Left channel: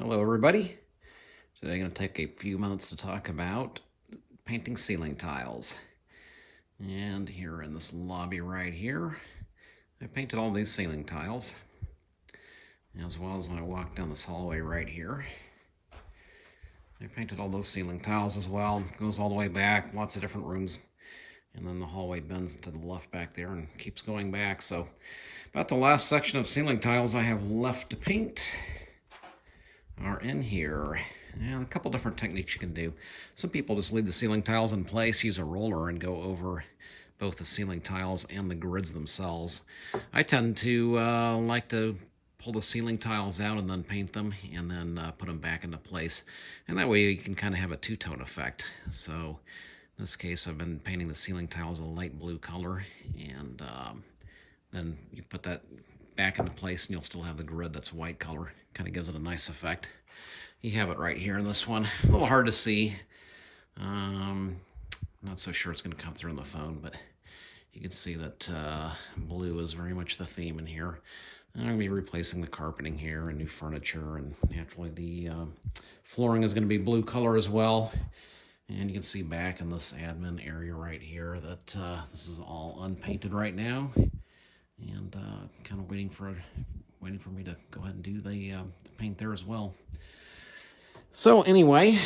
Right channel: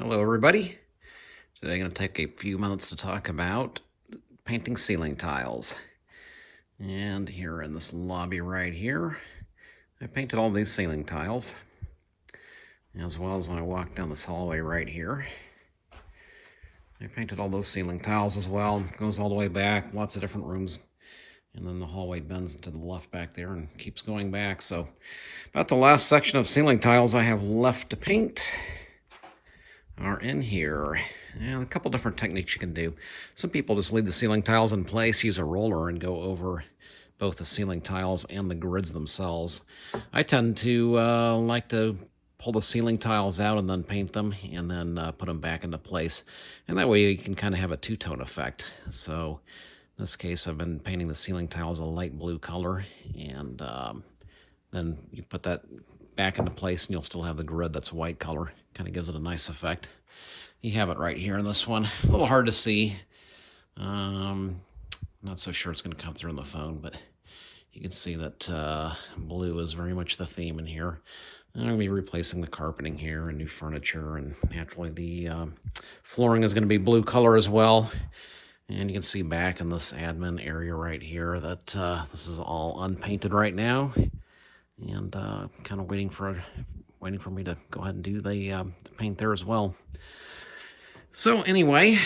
Hello everybody. Today I'm going to take a few minutes to talk about painting ceiling tiles. And here in this lobby right here, I painted all these ceiling tiles, as well as when I walk down this hallway right here. I painted all those ceiling tiles as well. It goes all the way back, lots of different rooms. And then the hallway bends to the left back there and keeps going back. So about the last section of ceiling tiles I have left to paint are in here. And a couple different techniques you can do. Some people just leave the ceiling tiles in place, use a roller, and go over both the ceiling tiles and the grids themselves. I tend to like to pull the ceiling tiles out and then paint them, and then put them back into place. And that way you can kind of have a two-tone effect. So in this case, I've been painting the ceiling tiles a light blue color, and then you put that back into place and you'll still have the grid that's white color. Kind of gives it a nice effect. You have it right here in this one. A little hard to see. Not so sure it's going to come through on the phone, but you can see that blue is very much the theme in here. I'm going to be replacing the carpeting here and new furniture, and naturally the flooring is going to be blue color as well. And you can see back in this admin area right here that this is all unpainted right now, and kind of waiting for me to go ahead and do the paint there as well. So anyway,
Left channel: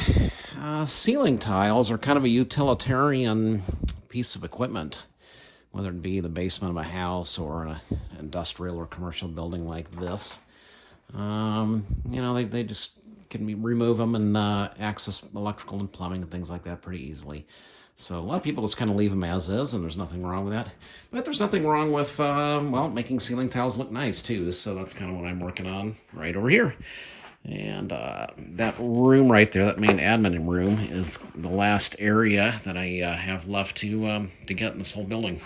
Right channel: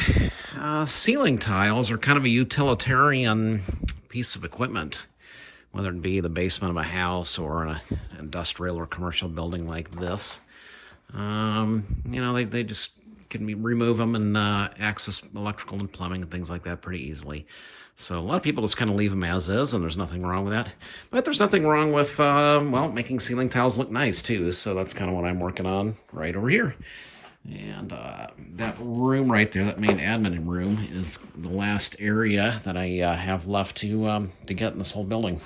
ceiling tiles are kind of a utilitarian piece of equipment, whether it be the basement of a house or an industrial or commercial building like this. You know, they just can remove them and access electrical and plumbing and things like that pretty easily. So a lot of people just kind of leave them as is, and there's nothing wrong with that. But there's nothing wrong with, well, making ceiling tiles look nice too. So that's kind of what I'm working on right over here. And that room right there, that main admin room, is the last area that I have left to get in this whole building.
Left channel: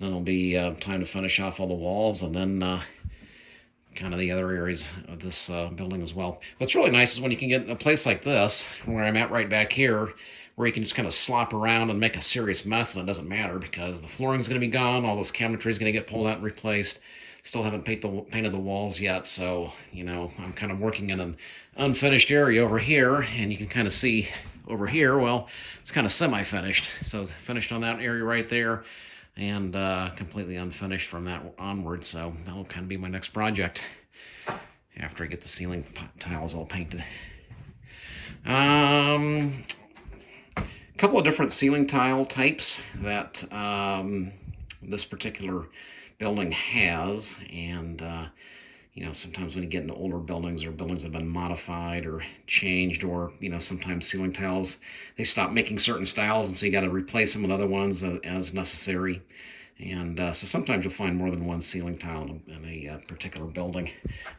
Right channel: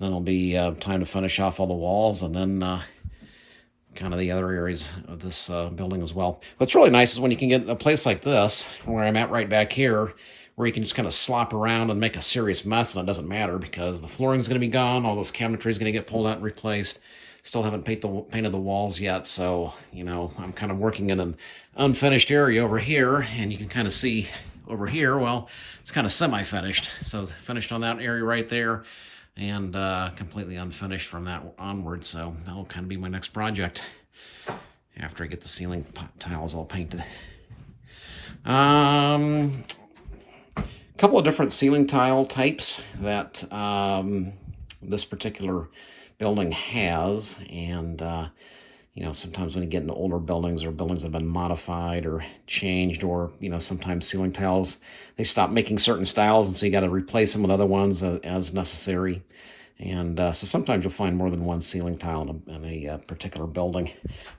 Then it'll be time to finish off all the walls, and then kind of the other areas of this building as well. What's really nice is when you can get a place like this, where I'm at right back here, where you can just kind of slop around and make a serious mess, and it doesn't matter because the flooring's going to be gone, all this cabinetry is going to get pulled out and replaced. Still haven't painted the walls yet, so, you know, I'm kind of working in an unfinished area over here, and you can kind of see over here, well, it's kind of semi-finished. So finished on that area right there, and completely unfinished from that onward, so that'll kind of be my next project after I get the ceiling tiles all painted. A couple of different ceiling tile types that this particular building has, and you know, sometimes when you get into older buildings or buildings that have been modified or changed, or, you know, sometimes ceiling tiles, they stop making certain styles, and so you got to replace them with other ones as necessary. And so sometimes you'll find more than one ceiling tile in a particular building.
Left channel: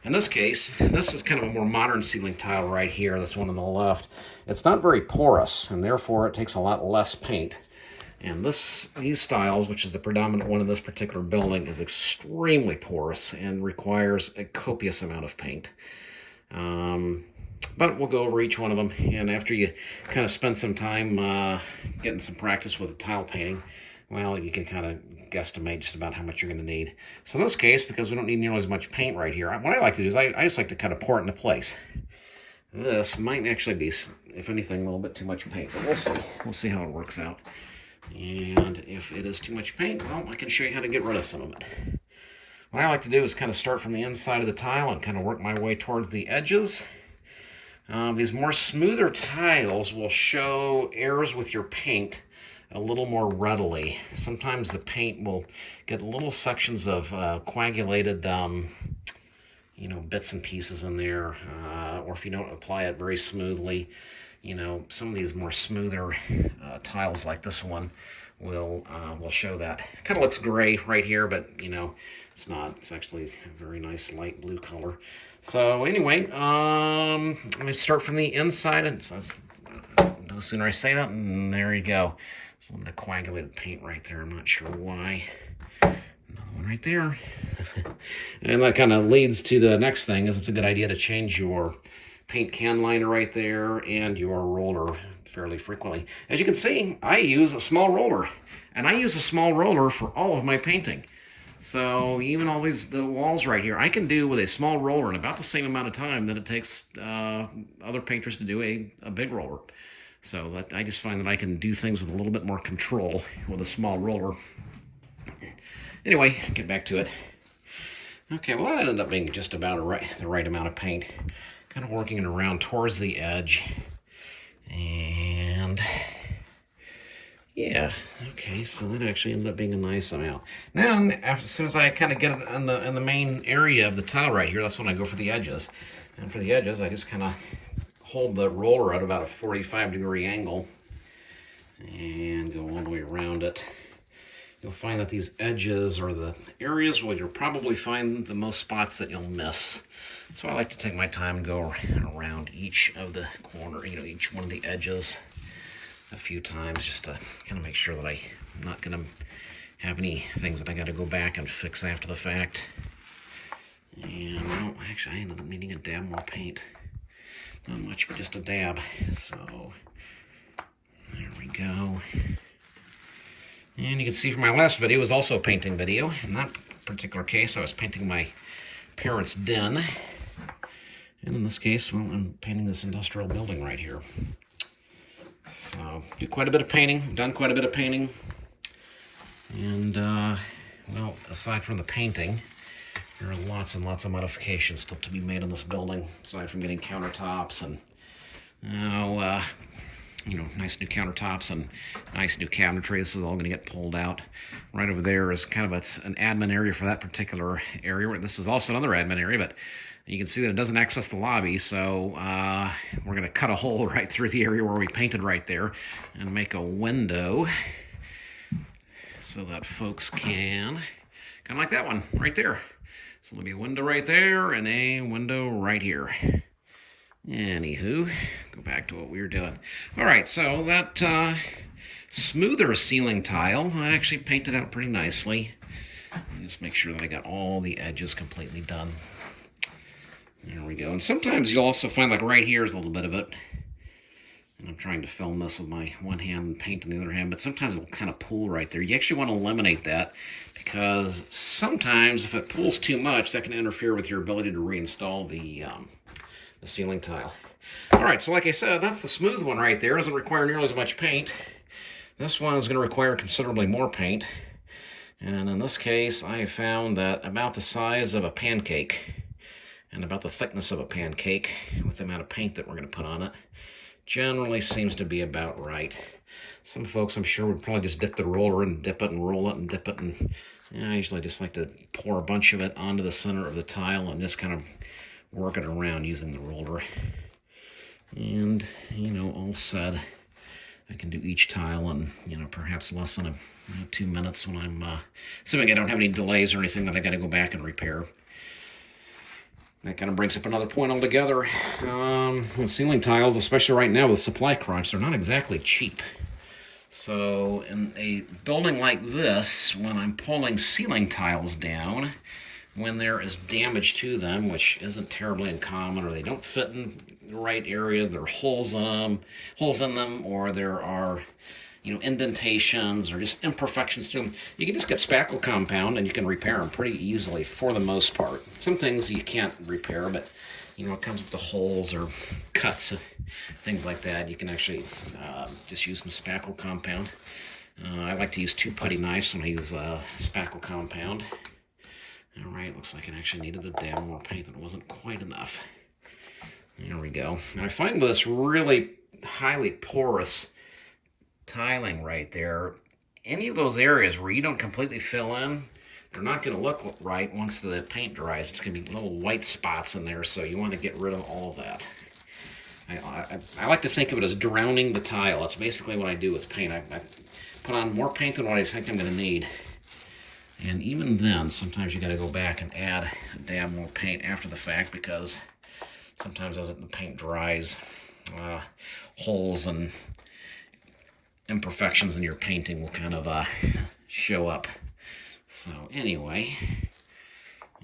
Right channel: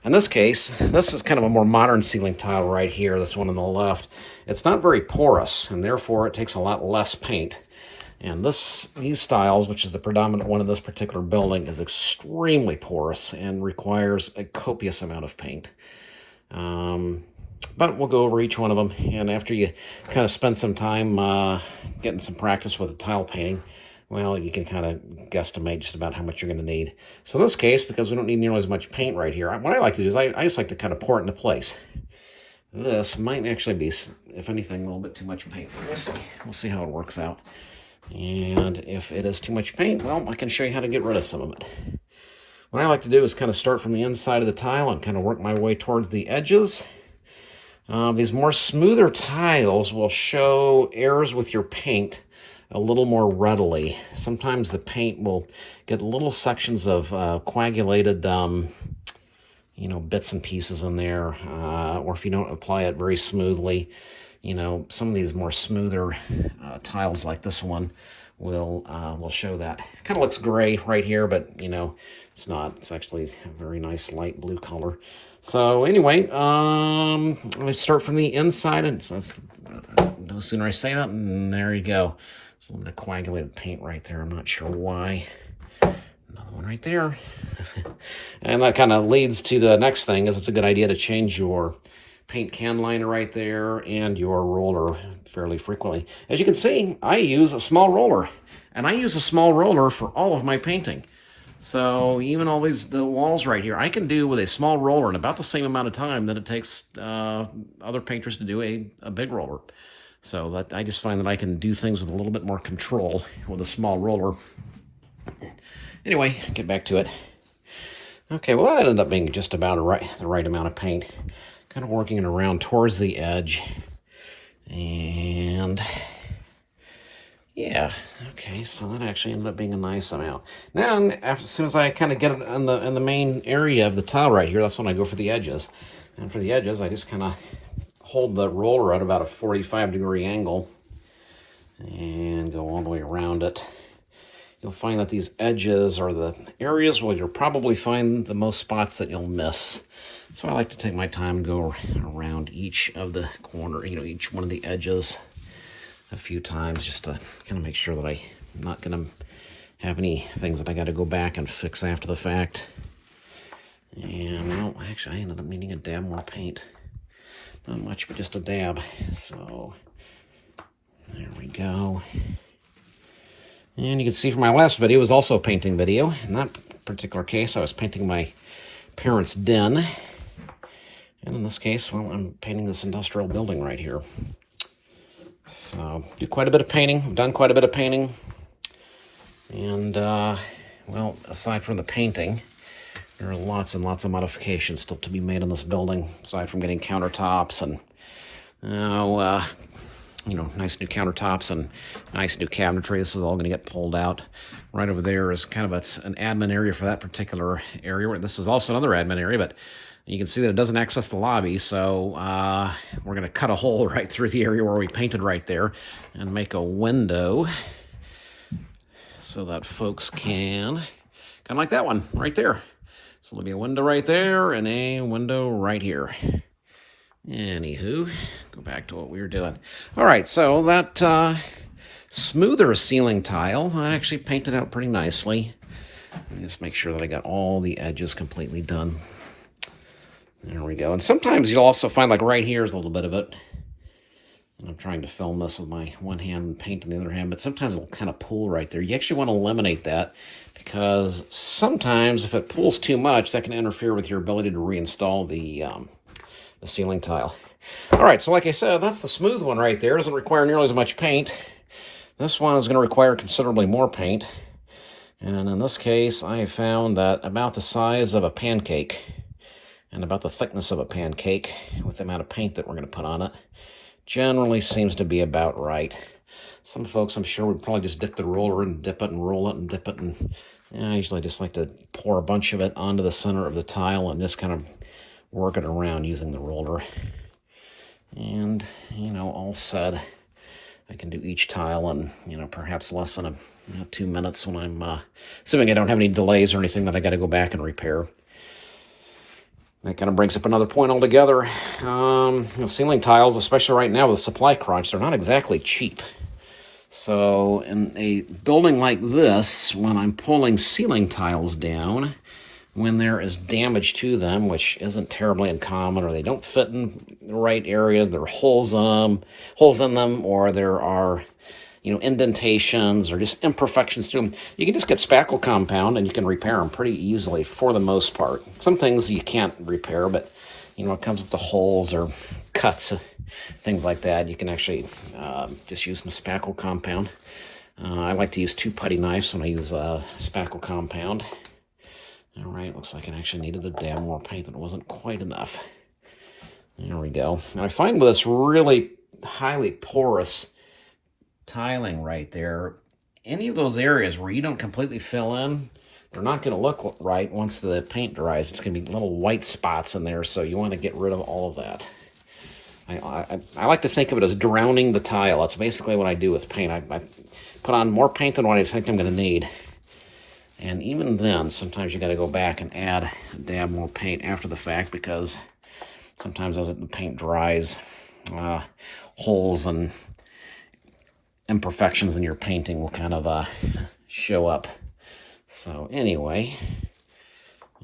In this case, this is kind of a more modern ceiling tile right here, this one on the left. It's not very porous, and therefore it takes a lot less paint. And these styles, which is the predominant one in this particular building, is extremely porous and requires a copious amount of paint. But we'll go over each one of them, and after you kind of spend some time getting some practice with the tile painting, well, you can kind of guesstimate just about how much you're going to need. So in this case, because we don't need nearly as much paint right here, what I like to do is I just like to kind of pour it into place. This might actually be, if anything, a little bit too much paint, but we'll see. We'll see how it works out. And if it is too much paint, well, I can show you how to get rid of some of it. What I like to do is kind of start from the inside of the tile and kind of work my way towards the edges. These more smoother tiles will show errors with your paint a little more readily. Sometimes the paint will get little sections of coagulated, you know, bits and pieces in there, or if you don't apply it very smoothly. You know, some of these more smoother tiles like this one will show that. Kind of looks gray right here, but, you know, it's not. It's actually a very nice light blue color. So anyway, let me start from the inside, and no sooner I say that, and there you go. It's a little bit of coagulated paint right there. I'm not sure why. Another one right there. And that kind of leads to the next thing, is it's a good idea to change your paint can liner right there and your roller fairly frequently. As you can see, I use a small roller, and I use a small roller for all of my painting. So even all the walls right here, I can do with a small roller in about the same amount of time that it takes other painters to do a big roller. So I just find that I can do things with a little bit more control with a small roller. Anyway, get back to it. Okay, well that ended up being just about the right amount of paint. Kind of working it around towards the edge. And yeah, okay, so that actually ended up being a nice amount. Now, as soon as I kind of get it in the main area of the tile right here, that's when I go for the edges. And for the edges, I just kind of hold the roller at about a 45-degree angle and go all the way around it. You'll find that these edges are the areas where you'll probably find the most spots that you'll miss. So I like to take my time and go around each of the corner, each one of the edges a few times just to kind of make sure that I'm not going to have any things that I got to go back and fix after the fact. And well, actually I ended up needing a dab more paint. Not much, but just a dab. So there we go. And you can see from my last video, it was also a painting video. In that particular case, I was painting my parents' den. And in this case, well, I'm painting this industrial building right here. So, do quite a bit of painting. Done quite a bit of painting. And, well, aside from the painting, there are lots and lots of modifications still to be made on this building, aside from getting countertops and, nice new countertops and nice new cabinetry. This is all going to get pulled out. Right over there is kind of an admin area for that particular area. This is also another admin area, but you can see that it doesn't access the lobby, so we're going to cut a hole right through the area where we painted right there and make a window so that folks can, kind of like that one right there. So there'll be a window right there and a window right here. Anywho, go back to what we were doing. All right, so that smoother ceiling tile, I actually painted out pretty nicely. Just make sure that I got all the edges completely done. There we go. And sometimes you'll also find, like right here is a little bit of it. And I'm trying to film this with my one hand and paint on the other hand, but sometimes it'll kind of pool right there. You actually want to eliminate that because sometimes if it pools too much, that can interfere with your ability to reinstall the ceiling tile. All right, so like I said, that's the smooth one right there. It doesn't require nearly as much paint. This one is going to require considerably more paint. And in this case, I have found that about the size of a pancake and about the thickness of a pancake with the amount of paint that we're going to put on it generally seems to be about right. Some folks, I'm sure, would probably just dip the roller and dip it and roll it and dip it. And I usually just like to pour a bunch of it onto the center of the tile and just kind of work it around using the roller. And, all said, I can do each tile in, perhaps less than 2 minutes when I'm, assuming I don't have any delays or anything that I got to go back and repair. That kind of brings up another point altogether. Ceiling tiles, especially right now with supply crunch, they're not exactly cheap. So in a building like this, when I'm pulling ceiling tiles down, when there is damage to them, which isn't terribly uncommon, or they don't fit in the right areas, there are holes in them, or there are, indentations or just imperfections to them, you can just get spackle compound and you can repair them pretty easily for the most part. Some things you can't repair, but, it comes with the holes or cuts, things like that. You can actually just use some spackle compound. I like to use 2 putty knives when I use spackle compound. All right, looks like it actually needed a dab more paint, and it wasn't quite enough. There we go. And I find with this really highly porous tiling right there, any of those areas where you don't completely fill in, they're not going to look right once the paint dries. It's going to be little white spots in there, so you want to get rid of all of that. I like to think of it as drowning the tile. That's basically what I do with paint. I put on more paint than what I think I'm going to need. And even then, sometimes you got to go back and add a dab more paint after the fact, because sometimes as the paint dries, holes and imperfections in your painting will kind of show up. So anyway,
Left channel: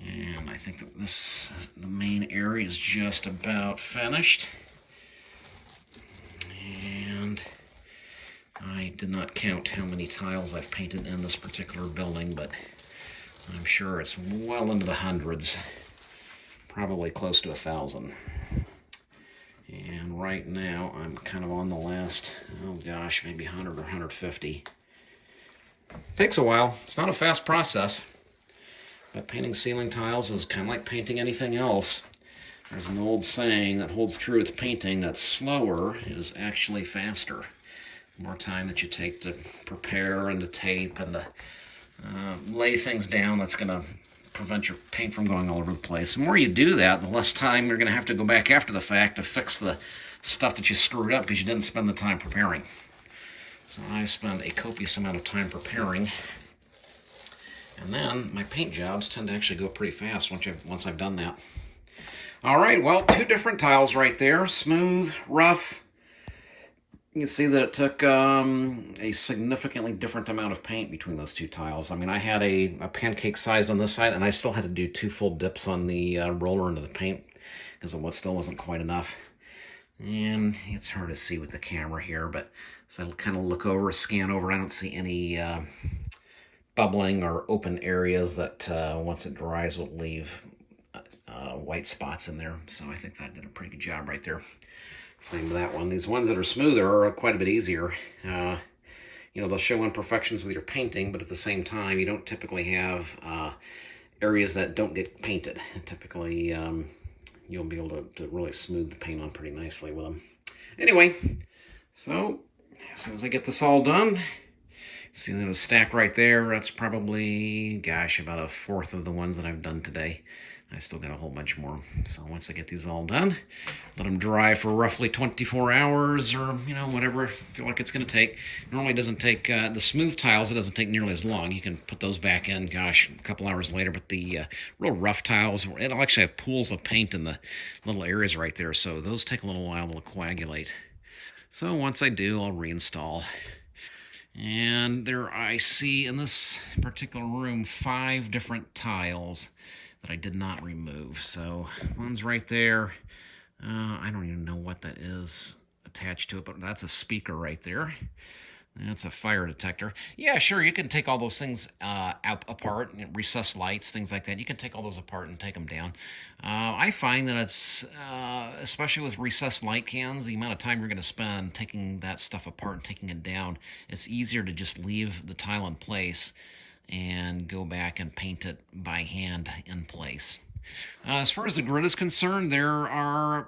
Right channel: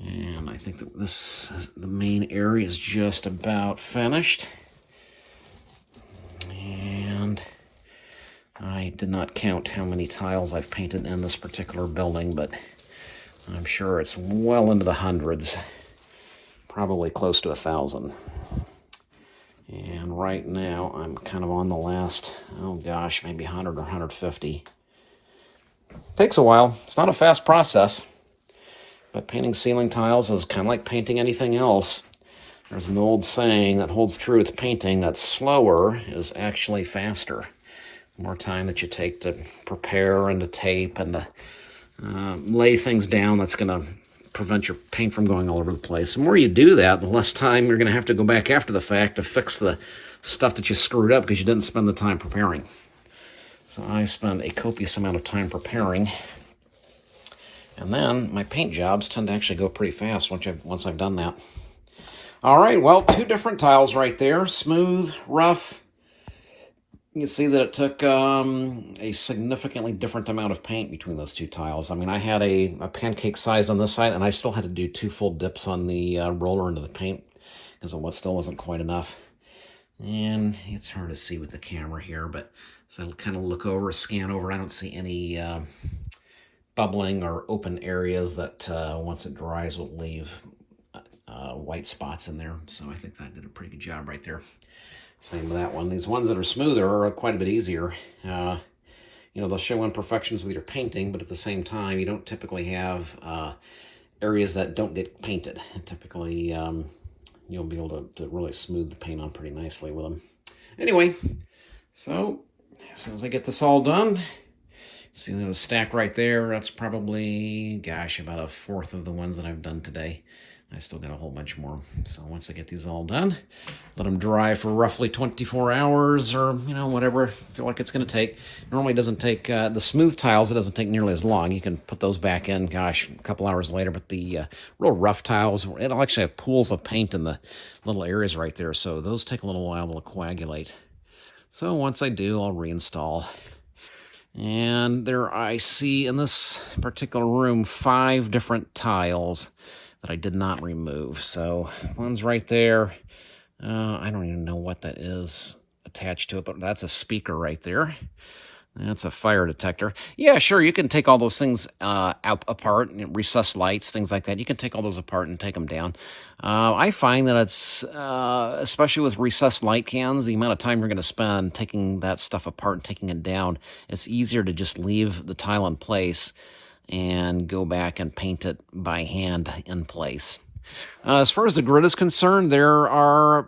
and I think that the main area is just about finished. And I did not count how many tiles I've painted in this particular building, but I'm sure it's well into the hundreds, probably close to 1,000. And right now, I'm kind of on the last, oh gosh, maybe 100 or 150. Takes a while. It's not a fast process, but painting ceiling tiles is kind of like painting anything else. There's an old saying that holds true with painting, that slower is actually faster. The more time that you take to prepare and to tape and to lay things down, that's going to prevent your paint from going all over the place. The more you do that, the less time you're going to have to go back after the fact to fix the stuff that you screwed up because you didn't spend the time preparing. So I spend a copious amount of time preparing. And then my paint jobs tend to actually go pretty fast once I've done that. All right, well, 2 different tiles right there, smooth, rough. You can see that it took a significantly different amount of paint between those 2 tiles. I mean, I had a pancake size on this side, and I still had to do 2 full dips on the roller into the paint because it still wasn't quite enough. And it's hard to see with the camera here, but so I kind of look over, scan over, I don't see any bubbling or open areas that once it dries will leave white spots in there. So I think that did a pretty good job right there. Same with that one. These ones that are smoother are quite a bit easier. They'll show imperfections with your painting, but at the same time, you don't typically have areas that don't get painted. Typically, you'll be able to really smooth the paint on pretty nicely with them. Anyway, so as soon as I get this all done, see the stack right there, that's probably, gosh, about 1/4 of the ones that I've done today. I still got a whole bunch more. So once I get these all done, let them dry for roughly 24 hours or, whatever I feel like it's going to take. Normally it doesn't take, the smooth tiles, it doesn't take nearly as long. You can put those back in, gosh, a couple hours later. But the real rough tiles, it'll actually have pools of paint in the little areas right there. So those take a little while to coagulate. So once I do, I'll reinstall. And there I see in this particular room 5 different tiles that I did not remove. So one's right there. I don't even know what that is attached to it, but that's a speaker right there. That's a fire detector. Yeah, sure, you can take all those things apart, recessed lights, things like that. You can take all those apart and take them down. I find that it's, especially with recessed light cans, the amount of time you're going to spend taking that stuff apart and taking it down, it's easier to just leave the tile in place and go back and paint it by hand in place. As far as the grid is concerned, there are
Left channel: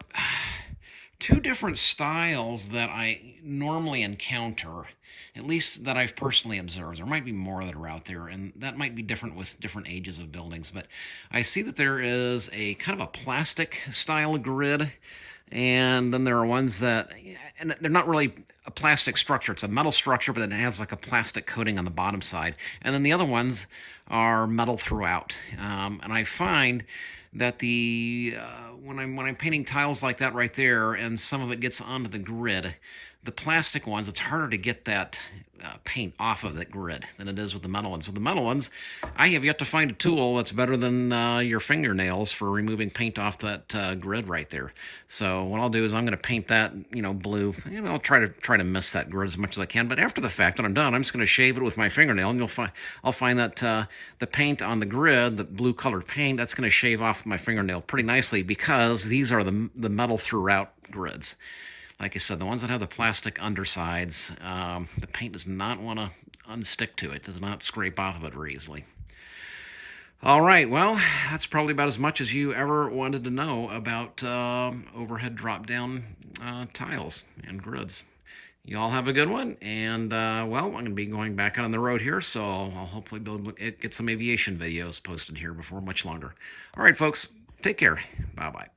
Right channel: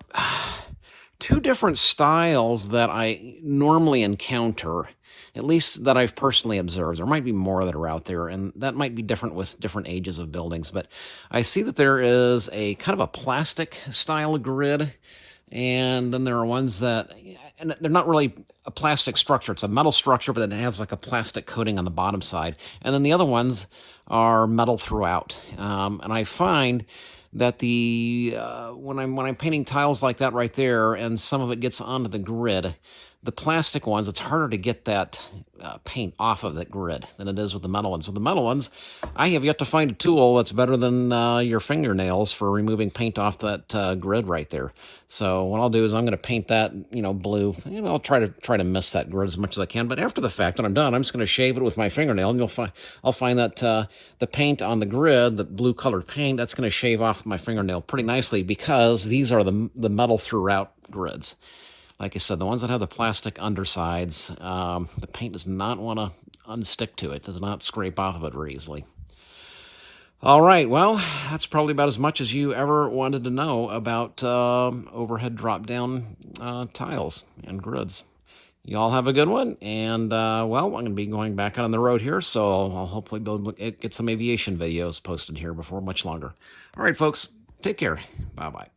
2 different styles that I normally encounter, at least that I've personally observed. There might be more that are out there, and that might be different with different ages of buildings, but I see that there is a kind of a plastic style grid, and then there are ones that, and they're not really a plastic structure. It's a metal structure, but it has like a plastic coating on the bottom side. And then the other ones are metal throughout. And I find that when I'm painting tiles like that right there, and some of it gets onto the grid, the plastic ones, it's harder to get that paint off of that grid than it is with the metal ones. With the metal ones, I have yet to find a tool that's better than your fingernails for removing paint off that grid right there. So what I'll do is I'm going to paint that, blue. I'll try to miss that grid as much as I can. But after the fact, when I'm done, I'm just going to shave it with my fingernail, and I'll find that the paint on the grid, the blue colored paint, that's going to shave off my fingernail pretty nicely because these are the metal throughout grids. Like I said, the ones that have the plastic undersides, the paint does not want to unstick to it. Does not scrape off of it very easily. All right, well, that's probably about as much as you ever wanted to know about overhead drop-down tiles and grids. You all have a good one, and, well, I'm going to be going back out on the road here, so I'll hopefully get some aviation videos posted here before much longer. All right, folks, take care. Bye-bye.